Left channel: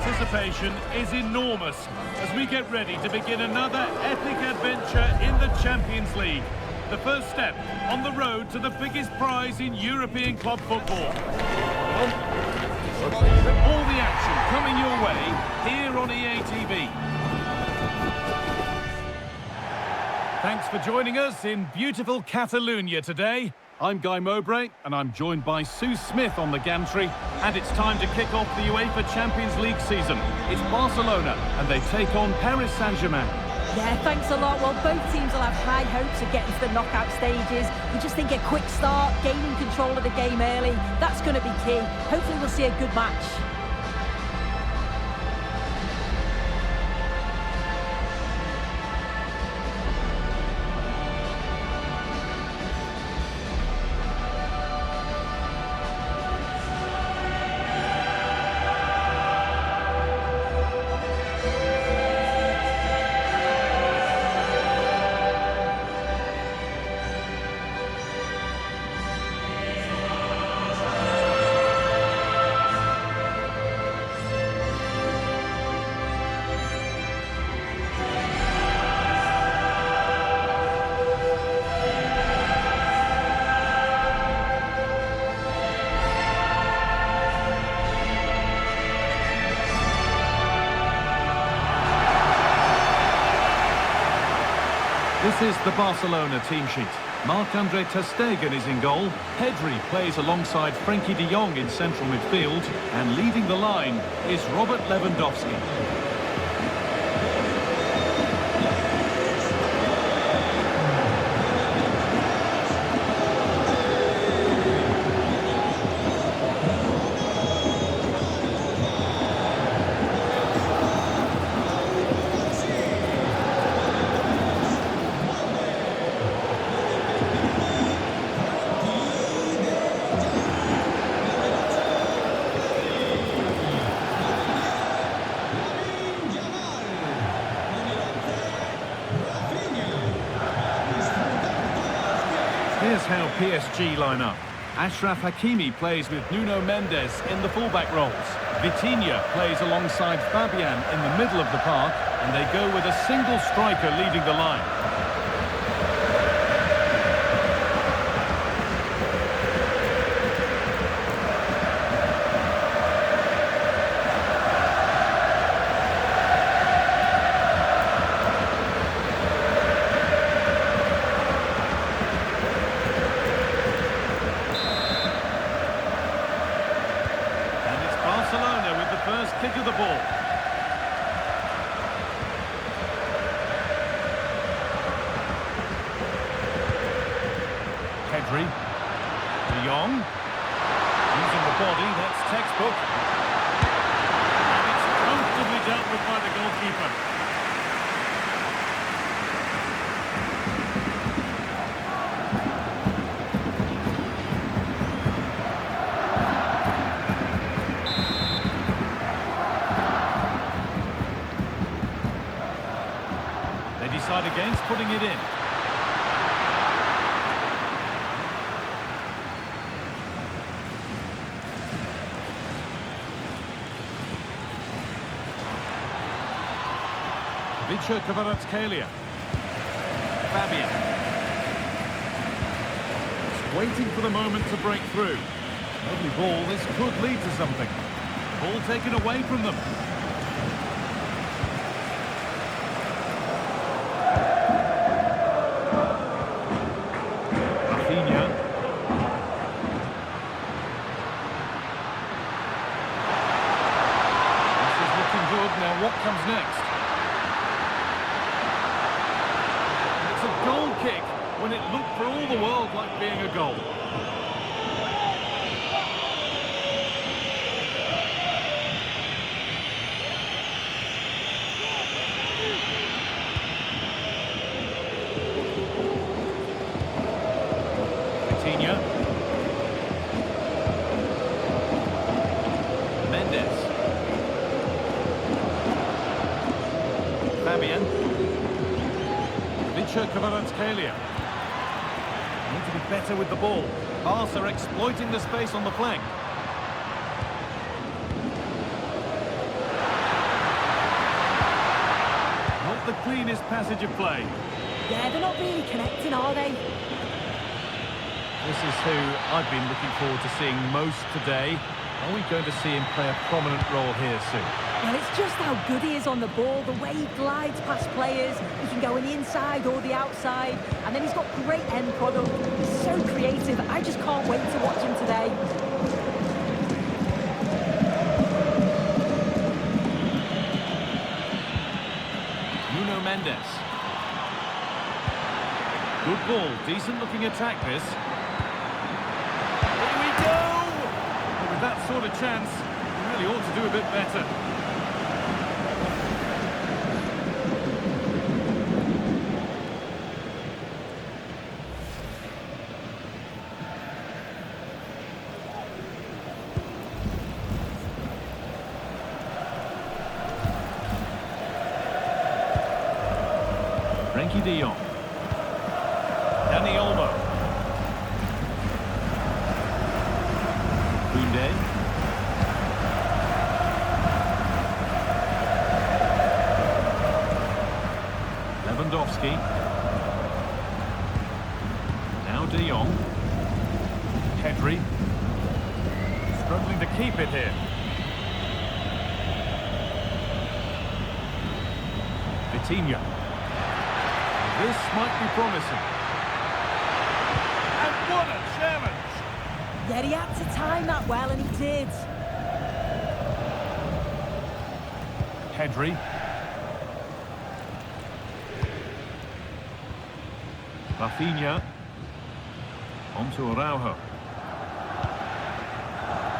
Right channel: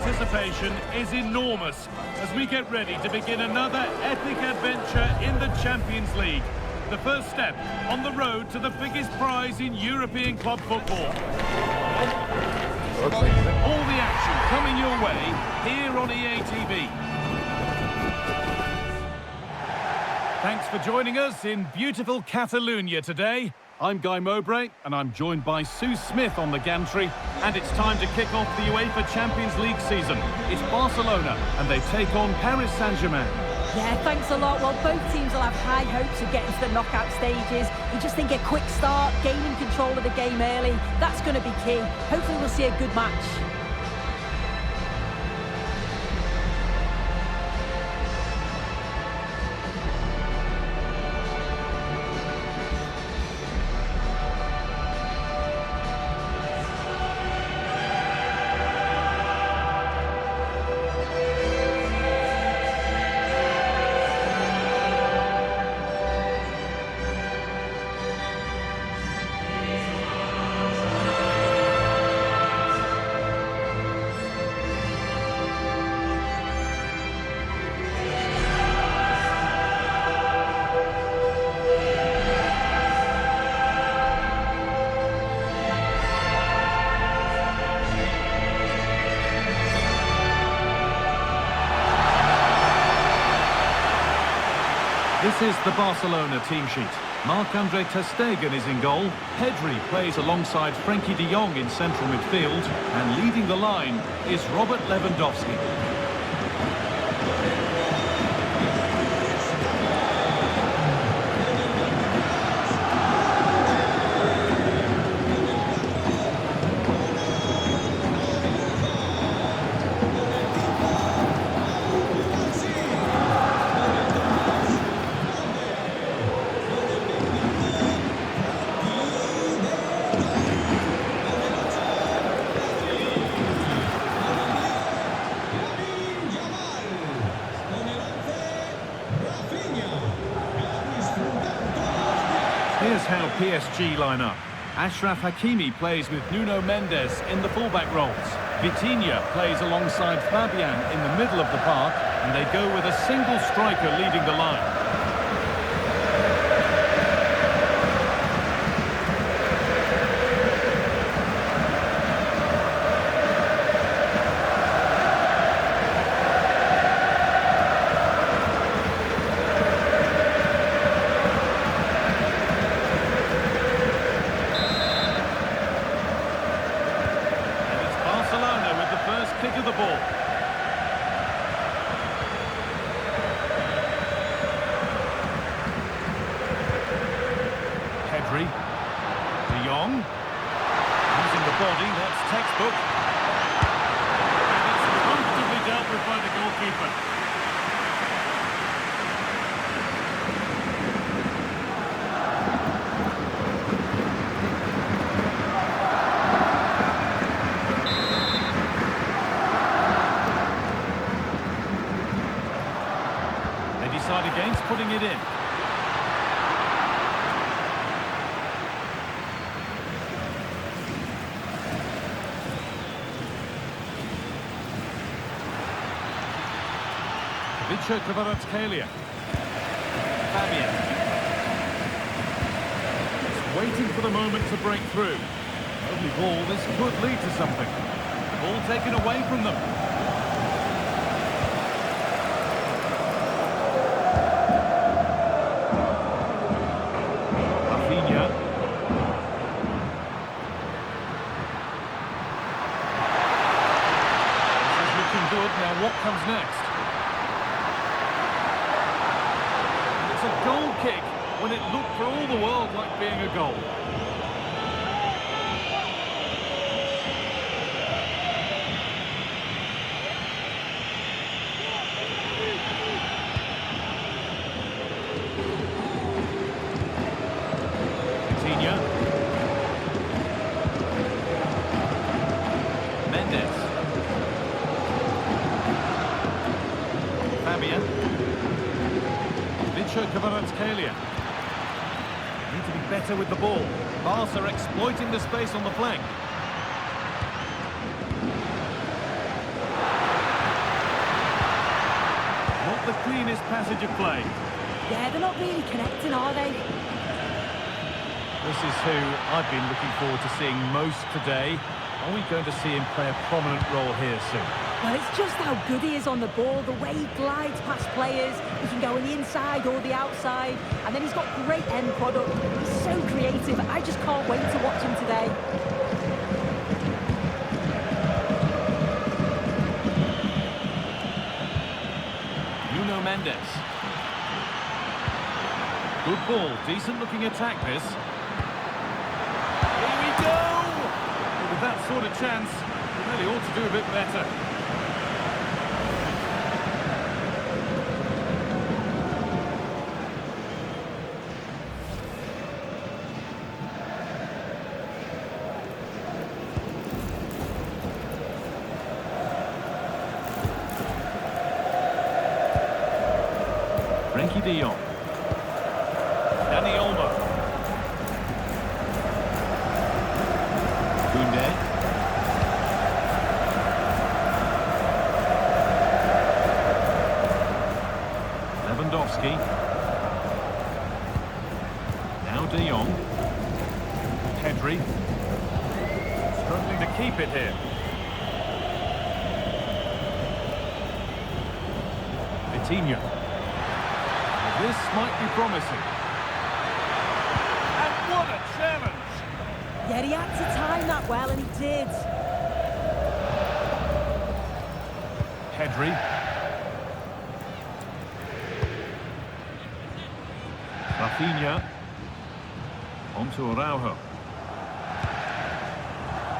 anticipation is enormous as we get ready to begin another epic adventure in the Champions League. The first step on the road to the biggest prize in European club football. All the action coming your way here on EA TV. Thanks for joining us in beautiful Catalonia today. I'm Guy Mowbray, and I'm joined by Sue Smith on the gantry, and it's time to kick off the UEFA Champions League season. It's Barcelona, and they take on Paris Saint-Germain. Yeah, thanks a lot. Well, both teams will have high hopes of getting to the knockout stages. You just think a quick start, gaining control of the game early, that's going to be key. Hopefully we'll see a good match. This is the Barcelona team sheet. Marc-Andre ter Stegen is in goal. Pedri plays alongside Frenkie de Jong in central midfield. And leading the line is Robert Lewandowski. Here's how PSG line up. Achraf Hakimi plays with Nuno Mendes in the fullback roles. Vitinha plays alongside Fabian in the middle of the park, and they go with a single striker leading the line. Barcelona with the first kick of the ball. Pedri. De Jong. Using the body, that's textbook. And it's comfortably dealt with by the goalkeeper. They decide against putting it in. Kvaratskhelia. Fabian. It's waiting for the moment to break through. Lovely ball, this could lead to something. The ball taken away from them. Good. Now what comes next? And it's a goal kick when it looked for all the world like being a goal. Vitinha. Mendes. Fabian. Kvaratskhelia. Need to be better with the ball. Barca exploiting the space on the flank. the cleanest passage of play. Yeah, they're not really connecting, are they? This is who I've been looking forward to seeing most today. Are we going to see him play a prominent role here soon? Well, it's just how good he is on the ball, the way he glides past players. He can go on the inside or the outside, and then he's got great end product. He's so creative. I just can't wait to watch him today. Nuno Mendes. Good ball, decent looking attack this. Here we go! Well, with that sort of chance, he really ought to do a bit better. Frenkie de Jong. Dani Olmo. Koundé. Lewandowski. Now de Jong. Pedri. Struggling to keep it here. Vitinha. This might be promising. And what a challenge! Yeah, he had to time that well, and he did. Pedri. Rafinha. On to Araujo.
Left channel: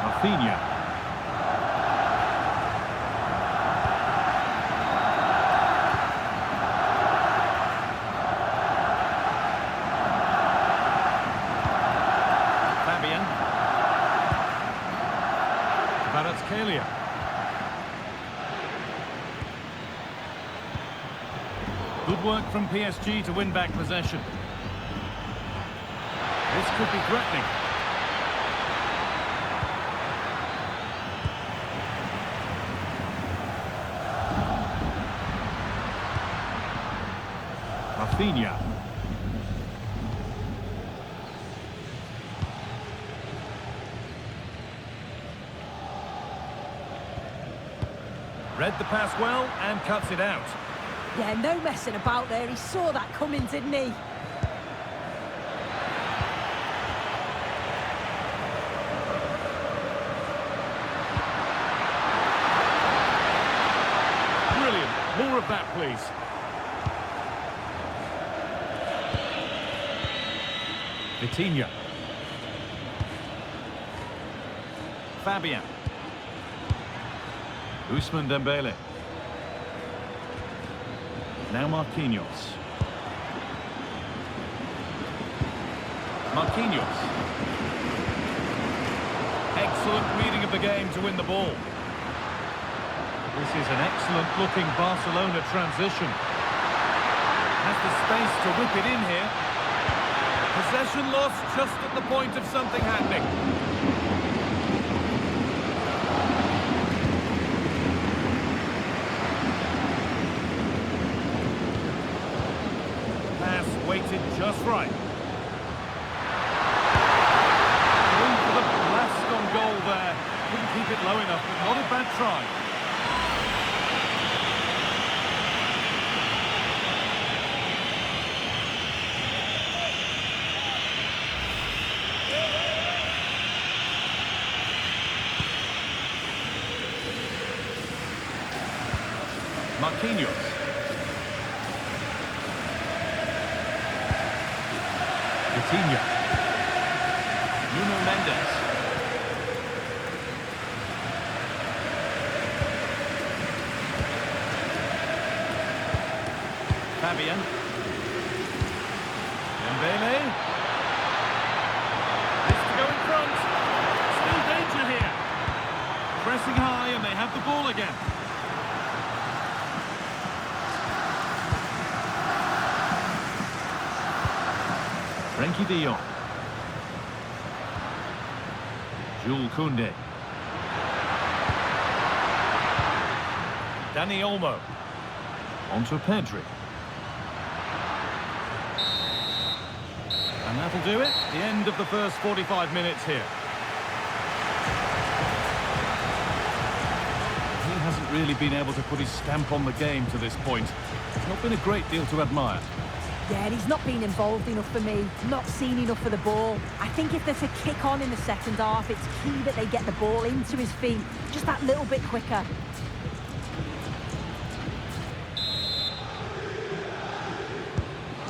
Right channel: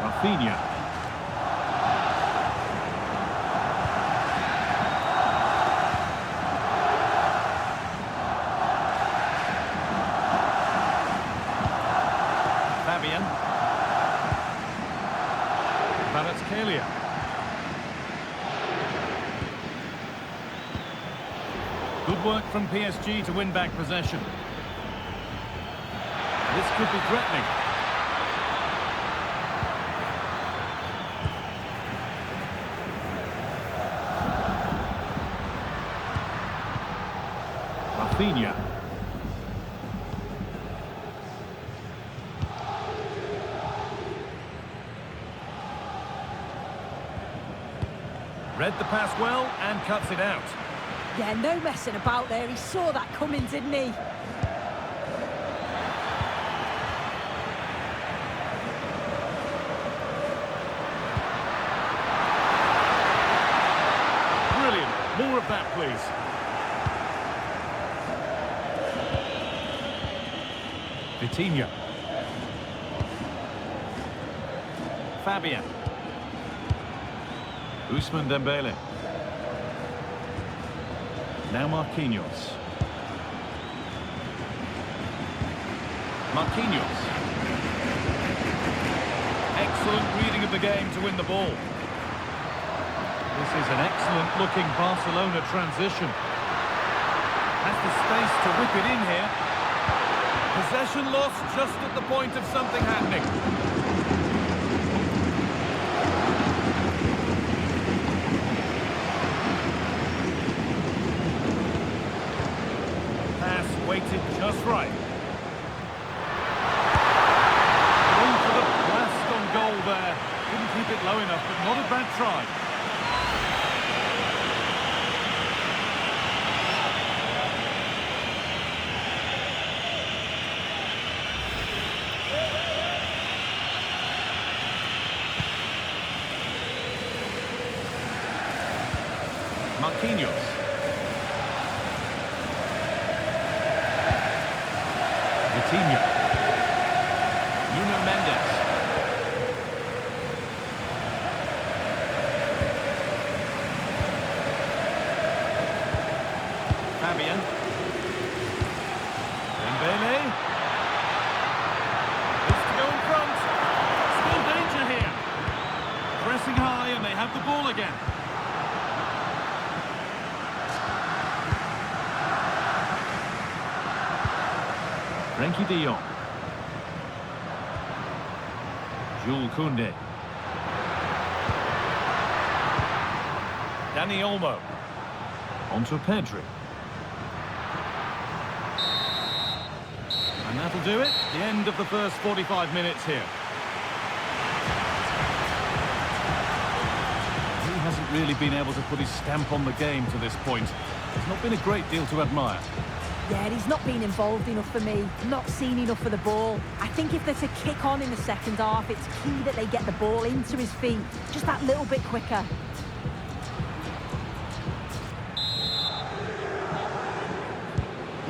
Rafinha. Fabian. Kvaratskhelia. Good work from PSG to win back possession. This could be threatening. Rafinha. Read the pass well and cuts it out. Yeah, no messing about there. He saw that coming, didn't he? Brilliant. More of that, please. Vitinha. Fabian. Ousmane Dembele. Now Marquinhos. Marquinhos. Excellent reading of the game to win the ball. This is an excellent looking Barcelona transition. Has the space to whip it in here. Possession lost just at the point of something happening. Pass weighted just right. Going for the blast on goal there. Couldn't keep it low enough, but not a bad try. Marquinhos. Vitinha. Nuno Mendes. Fabian. Dembele. This to go in front. Still danger here. Pressing high and they have the ball again. Frenkie de Jong. Jules Koundé. Dani Olmo. Onto Pedri. And that'll do it. The end of the first 45 minutes here. He hasn't really been able to put his stamp on the game to this point. There's not been a great deal to admire. Yeah, he's not been involved enough for me. Not seen enough for the ball. I think if they're to kick on in the second half, it's key that they get the ball into his feet just that little bit quicker.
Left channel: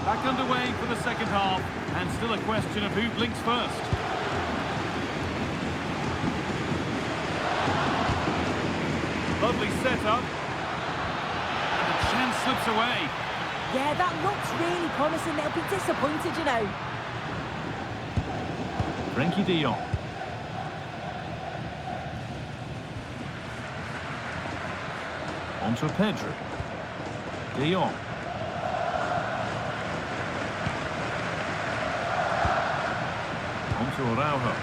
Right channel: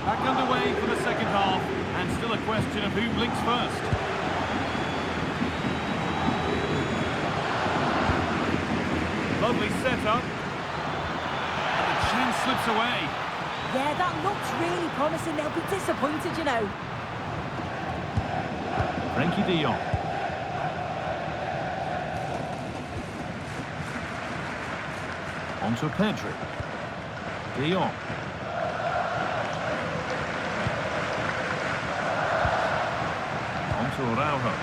Back underway for the second half, and still a question of who blinks first. Lovely setup, and the chance slips away. Yeah, that looks really promising. They'll be disappointed, you know. Frenkie de Jong. Onto Pedri. De Jong. Onto Araujo.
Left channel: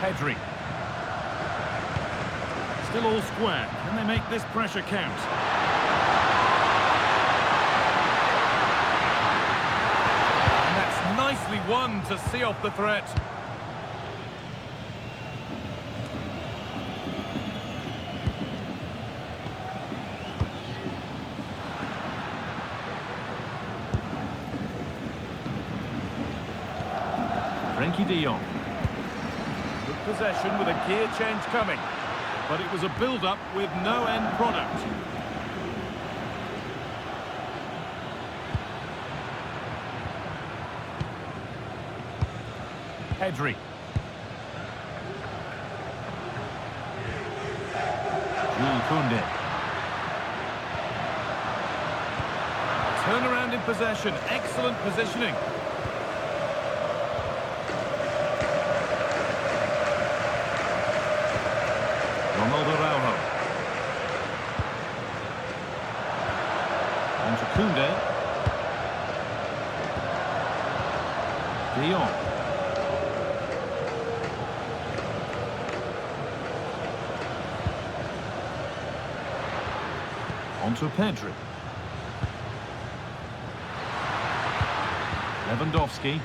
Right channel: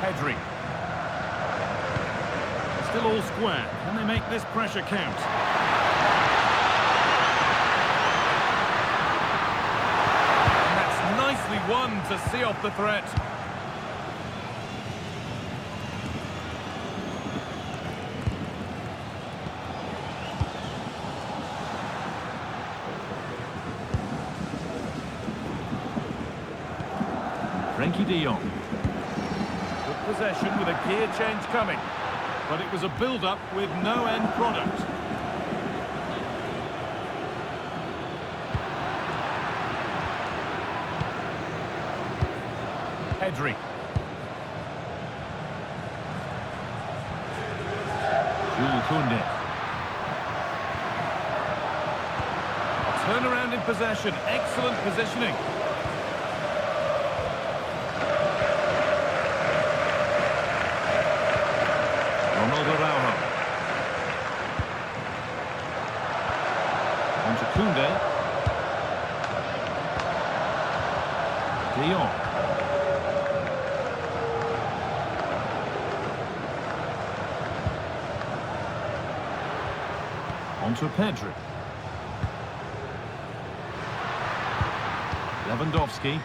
Pedri. Still all square. Can they make this pressure count? And that's nicely won to see off the threat. Frenkie de Jong. Good possession with a gear change coming. But it was a build-up with no end product. Pedri. Jules Koundé. A turnaround in possession. Excellent positioning. Araujo. Onto Koundé. De Jong. Onto Pedri. Lewandowski.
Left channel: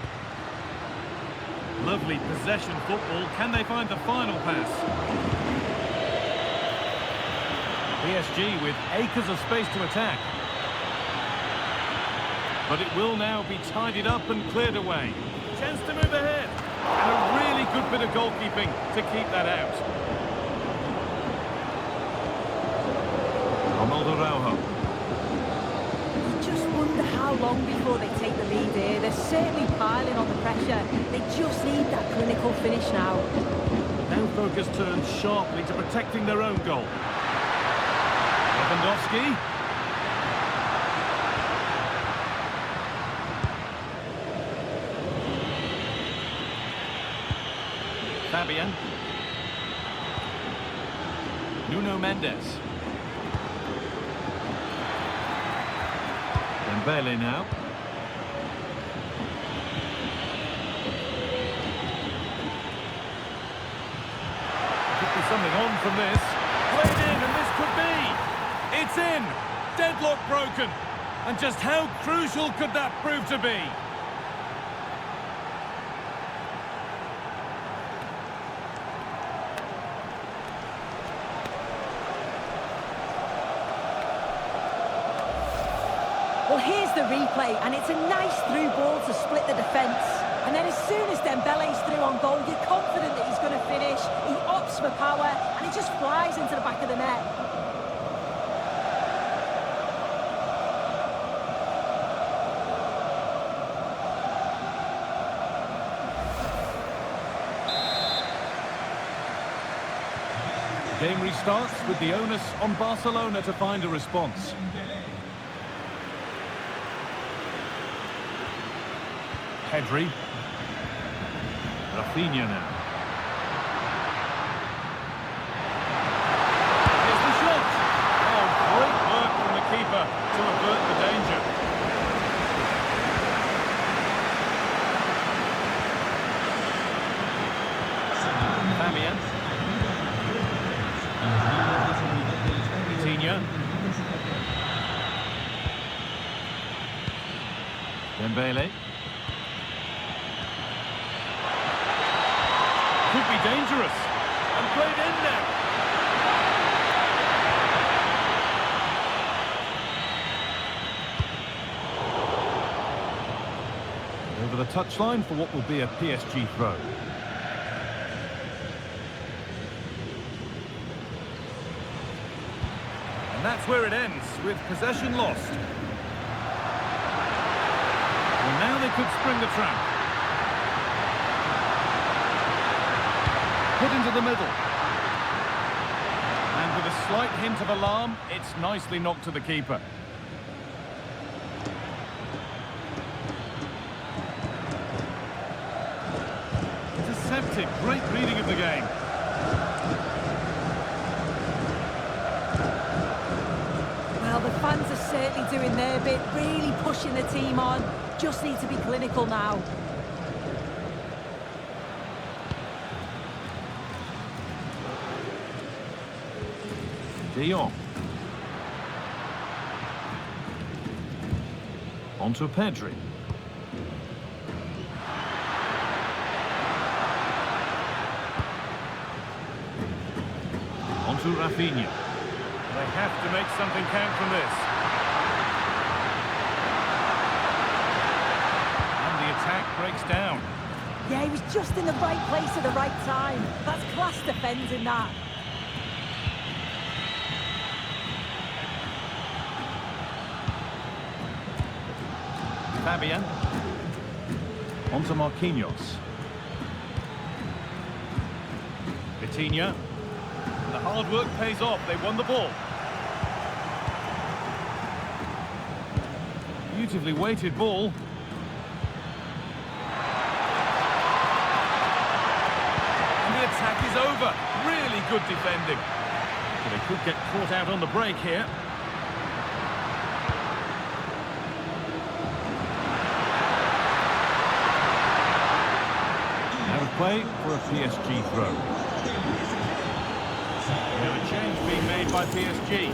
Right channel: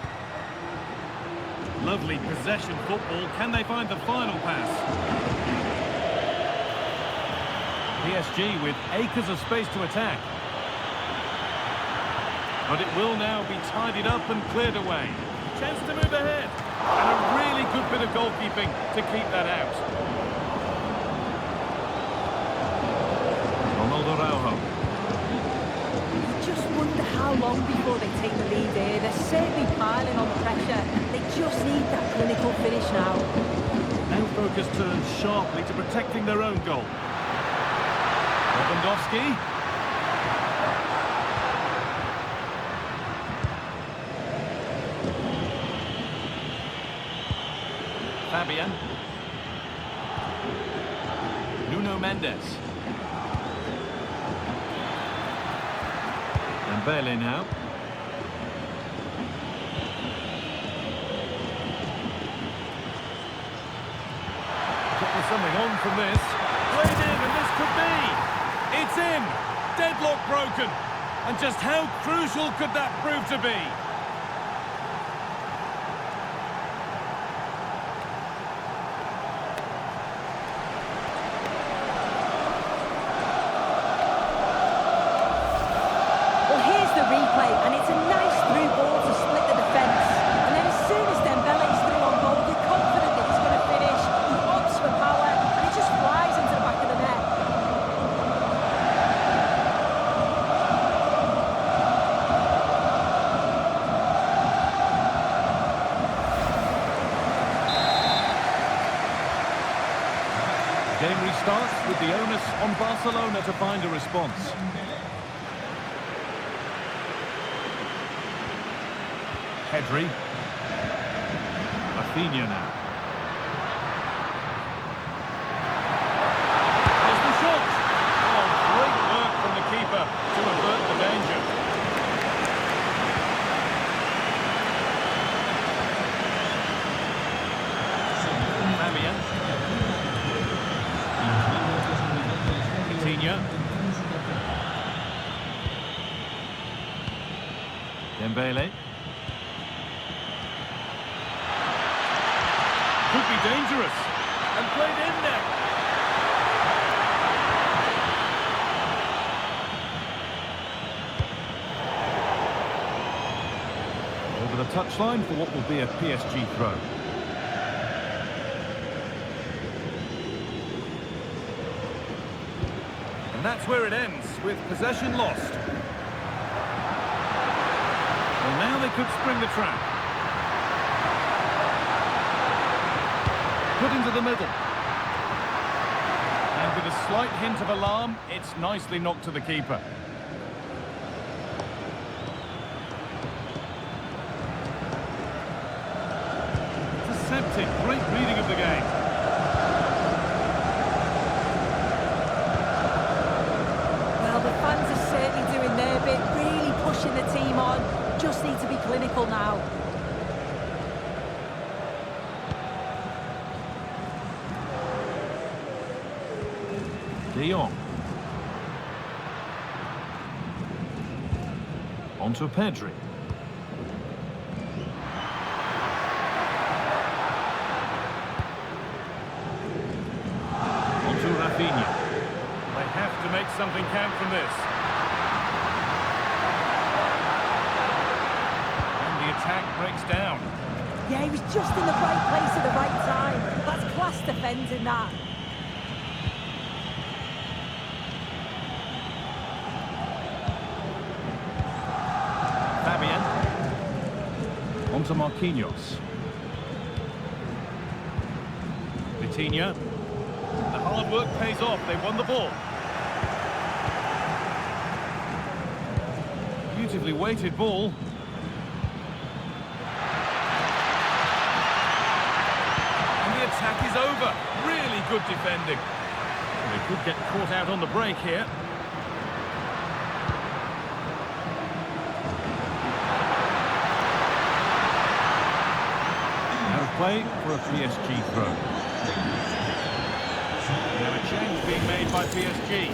Lovely possession football. Can they find the final pass? PSG with acres of space to attack. But it will now be tidied up and cleared away. Chance to move ahead. And a really good bit of goalkeeping to keep that out. Araujo. You just wonder how long before they take the lead here. They're certainly piling on the pressure. They just need that clinical finish now. Now focus turns sharply to protecting their own goal. Lewandowski. Fabian. Nuno Mendes. Dembele now. Could be something on from this. Played in, and this could be. It's in! Deadlock broken! And just how crucial could that prove to be? Well, here's the replay, and it's a nice through ball to split the defence. And then as soon as Dembele's through on goal, you're confident that he's going to finish. He opts for power, and it just flies into the back of the net. Game restarts with the onus on Barcelona to find a response. Pedri. Rafinha now. Here's the shot. Oh, great work from the keeper to avert the danger. Fabian. It's Vitinha. Dembele. Could be dangerous. And played in now. Over the touchline for what will be a PSG throw. And that's where it ends, with possession lost. Well, now they could spring the trap. Put into the middle. And with a slight hint of alarm, it's nicely knocked to the keeper. Intercepted, great reading of the game. Well, the fans are certainly doing their bit, really pushing the team on. Just need to be clinical now. De Jong. Onto Pedri. Onto Rafinha. They have to make something count from this. And the attack breaks down. Yeah, he was just in the right place at the right time. That's class defending, that. Fabian. Onto Marquinhos. Vitinha. The hard work pays off. They won the ball. Beautifully weighted ball. And the attack is over. Really good defending. Well, they could get caught out on the break here. Out of play for a PSG throw. Now a change being made by PSG.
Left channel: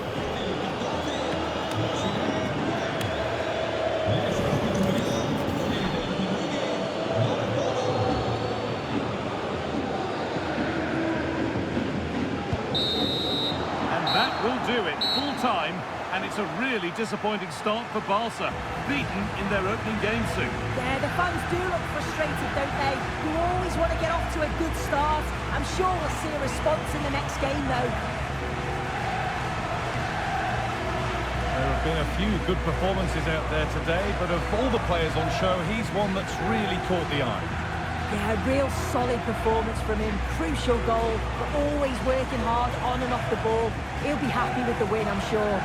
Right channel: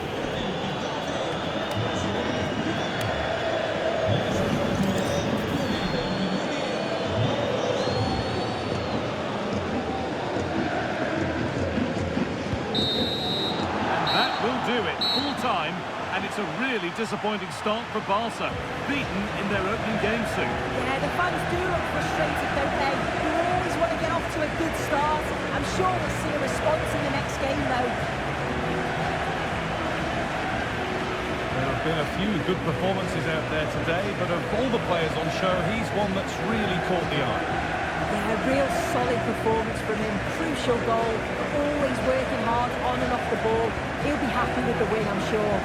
And that will do it. Full time. And it's a really disappointing start for Barca. Beaten in their opening game soon. Yeah, the fans do look frustrated, don't they? You always want to get off to a good start. I'm sure we'll see a response in the next game, though. There have been a few good performances out there today, but of all the players on show, he's one that's really caught the eye. Yeah, real solid performance from him. Crucial goal, but always working hard on and off the ball. He'll be happy with the win, I'm sure.